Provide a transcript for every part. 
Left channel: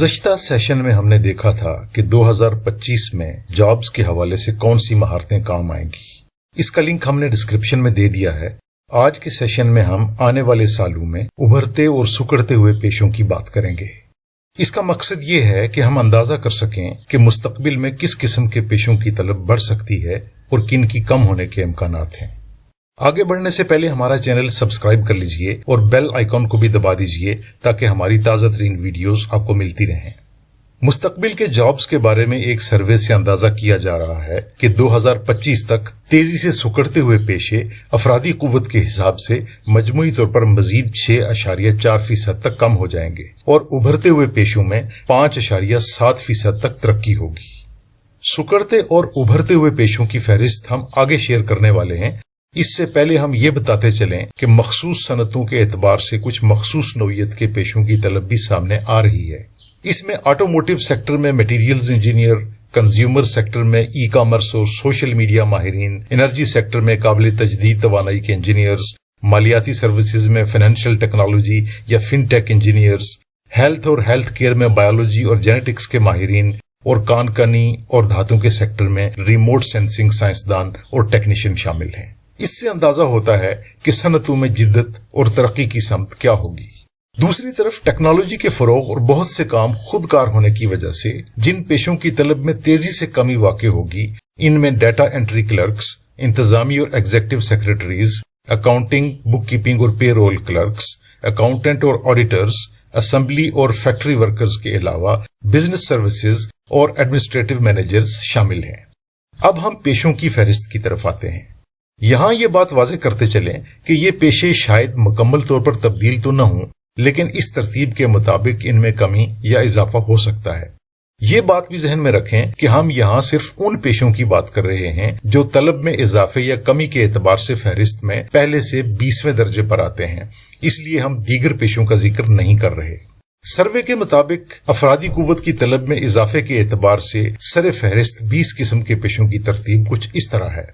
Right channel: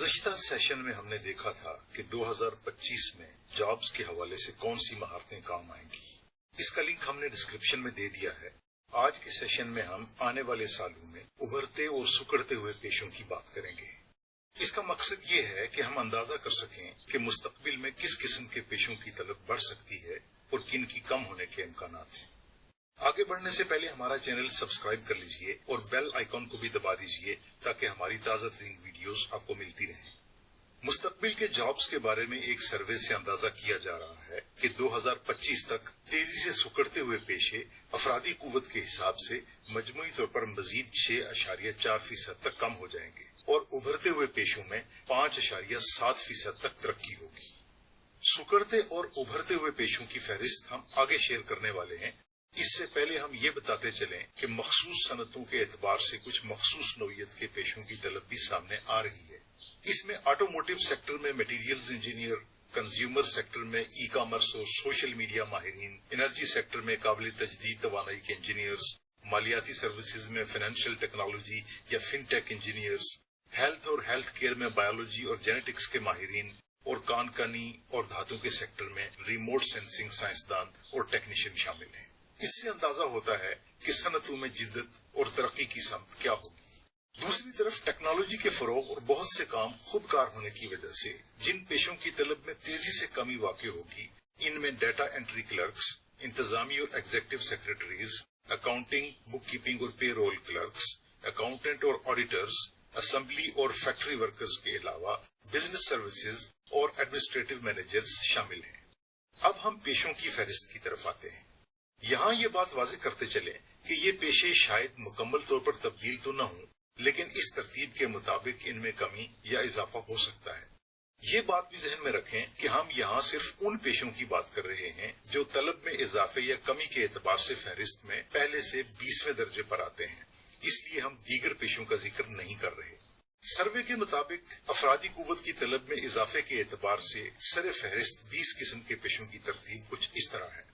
گزشتہ سیشن میں ہم نے دیکھا تھا کہ 2025 میں جابز کے حوالے سے کون سی مہارتیں کام آئیں گی۔ اس کا لنک ہم نے ڈسکرپشن میں دے دیا ہے۔ آج کے سیشن میں ہم آنے والے سالوں میں ابھرتے اور سکڑتے ہوئے پیشوں کی بات کریں گے۔ اس کا مقصد یہ ہے کہ ہم اندازہ کر سکیں کہ مستقبل میں کس قسم کے پیشوں کی طلب بڑھ سکتی ہے اور کن کی کم ہونے کے امکانات ہیں۔ آگے بڑھنے سے پہلے ہمارا چینل سبسکرائب کر لیجئے اور بیل آئیکن کو بھی دبا دیجئے تاکہ ہماری تازہ ترین ویڈیوز آپ کو ملتی رہیں۔ مستقبل کے جابز کے بارے میں ایک سروے سے اندازہ کیا جا رہا ہے کہ 2025 تک تیزی سے سکڑتے ہوئے پیشے افرادی قوت کے حساب سے مجموعی طور پر مزید 6.4% تک کم ہو جائیں گے اور ابھرتے ہوئے پیشوں میں 5.7% تک ترقی ہوگی۔ سکڑتے اور ابھرتے ہوئے پیشوں کی فہرست ہم آگے شیئر کرنے والے ہیں۔ اس سے پہلے ہم یہ بتاتے چلیں کہ مخصوص صنعتوں کے اعتبار سے کچھ مخصوص نوعیت کے پیشوں کی طلب بھی سامنے آ رہی ہے۔ اس میں آٹوموٹیو سیکٹر میں میٹیریلز انجینئر، کنزیومر سیکٹر میں ای کامرس اور سوشل میڈیا ماہرین، انرجی سیکٹر میں قابل تجدید توانائی کے انجینئرز، مالیاتی سروسز میں فائنینشیل ٹیکنالوجی یا فن ٹیک انجینئرز، ہیلتھ اور ہیلتھ کیئر میں بایولوجی اور جینیٹکس کے ماہرین اور کان کنی اور دھاتوں کے سیکٹر میں ریموٹ سینسنگ سائنسدان اور ٹیکنیشین شامل ہیں۔ اس سے اندازہ ہوتا ہے کہ صنعتوں میں جدت اور ترقی کی سمت کیا ہوگی۔ دوسری طرف ٹیکنالوجی کے فروغ اور بہت سے کام خود کار ہونے کی وجہ سے جن پیشوں کی طلب میں تیزی سے کمی واقع ہوگی، ان میں ڈیٹا انٹری کلرکس، انتظامی اور ایگزیکٹو سیکرٹریز، اکاؤنٹنگ، بک کیپنگ اور پے رول کلرکس، اکاؤنٹنٹ اور آڈیٹرز، اسمبلی اور فیکٹری ورکرز کے علاوہ بزنس سروسز اور ایڈمنسٹریٹو مینیجرز شامل ہیں۔ اب ہم پیشوں کی فہرست کی طرف آتے ہیں۔ یہاں یہ بات واضح کرتے چلیں کہ یہ پیشے شاید مکمل طور پر تبدیل تو نہ ہوں، لیکن اس ترتیب کے مطابق ان میں کمی یا اضافہ ہو سکتا ہے۔ یہ بات بھی ذہن میں رکھیں کہ ہم یہاں صرف ان پیشوں کی بات کر رہے ہیں جو طلب میں اضافے یا کمی کے اعتبار سے فہرست میں پہلے سے 20ویں درجے پر آتے ہیں، اس لیے ہم دیگر پیشوں کا ذکر نہیں کر رہے۔ سروے کے مطابق افرادی قوت کی طلب میں اضافے کے اعتبار سے سر فہرست 20 قسم کے پیشوں کی ترتیب کچھ اس طرح ہے:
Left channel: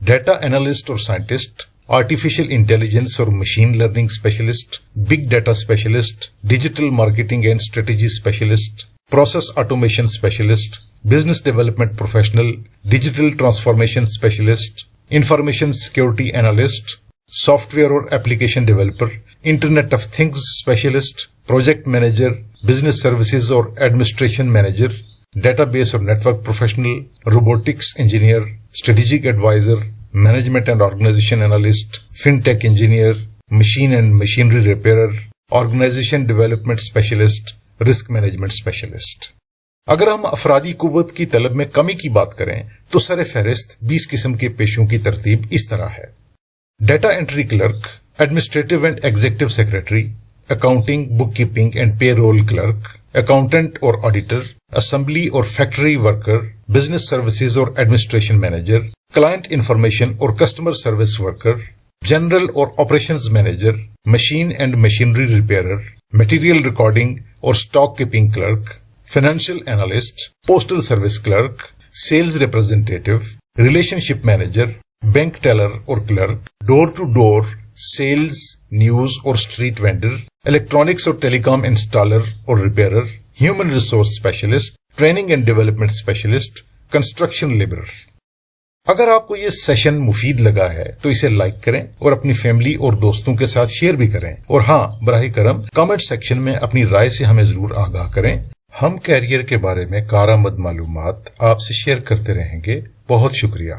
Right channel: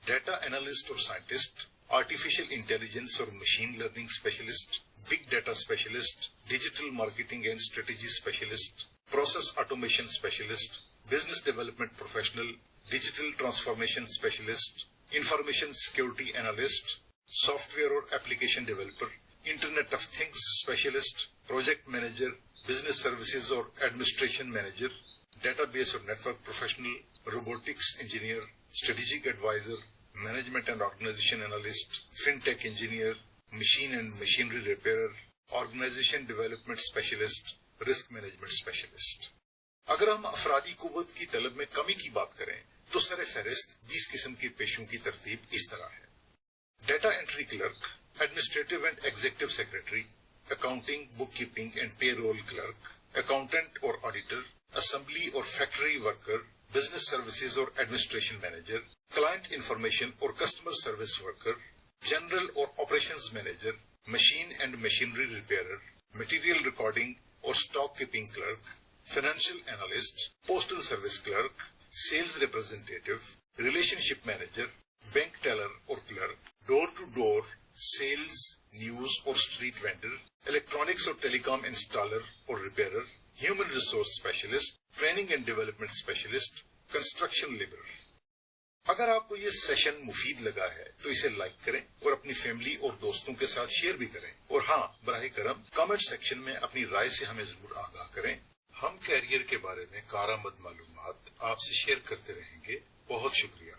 ڈیٹا انالسٹ اور سائنٹسٹ، آرٹیفیشل انٹیلیجنس اور machine learning specialist, big data specialist, digital marketing and strategy specialist, process automation specialist, business development professional, digital transformation specialist, information security analyst, software اور application developer, internet of things specialist, project manager, business services اور administration manager, database اور network professional, robotics engineer, strategic advisor, management and organisation analyst, fintech engineer, machine and machinery ریپیئرر، organisation development specialist, risk management specialist. اگر ہم افرادی قوت کی طلب میں کمی کی بات کریں تو سر فہرست 20 قسم کے پیشوں کی ترتیب اس طرح ہے: data entry clerk, administrative and executive secretary, accounting, bookkeeping and payroll clerk, accountant اور آڈیٹر، اسمبلی اور فیکٹری ورکر، بزنس سروسز اور ایڈمنسٹریشن مینیجر، کلائنٹ انفارمیشن اور کسٹمر سروس ورکر، جنرل اور operations manager, machine and machinery repairer, material recording اور stock keeping clerk, financial analyst, postal service clerk, sales representative, relationship manager, bank teller اور clerk, door to door sales, news اور street vendor, electronics اور telecom installer اور repairer, human resource specialist, training and development specialist, construction labourer. اگر آپ کو یہ session مفید لگا ہے تو اسے لائک کریں اور اپنی فیملی اور دوستوں کے ساتھ شیئر بھی کریں، اور ہاں، براہ کرم کامنٹ سیکشن میں اپنی رائے سے ہمیں ضرور آگاہ کریں۔ ہم کیریئر کے بارے میں کارآمد معلومات آپ سے شیئر کرتے رہیں گے۔ بہت شکریہ۔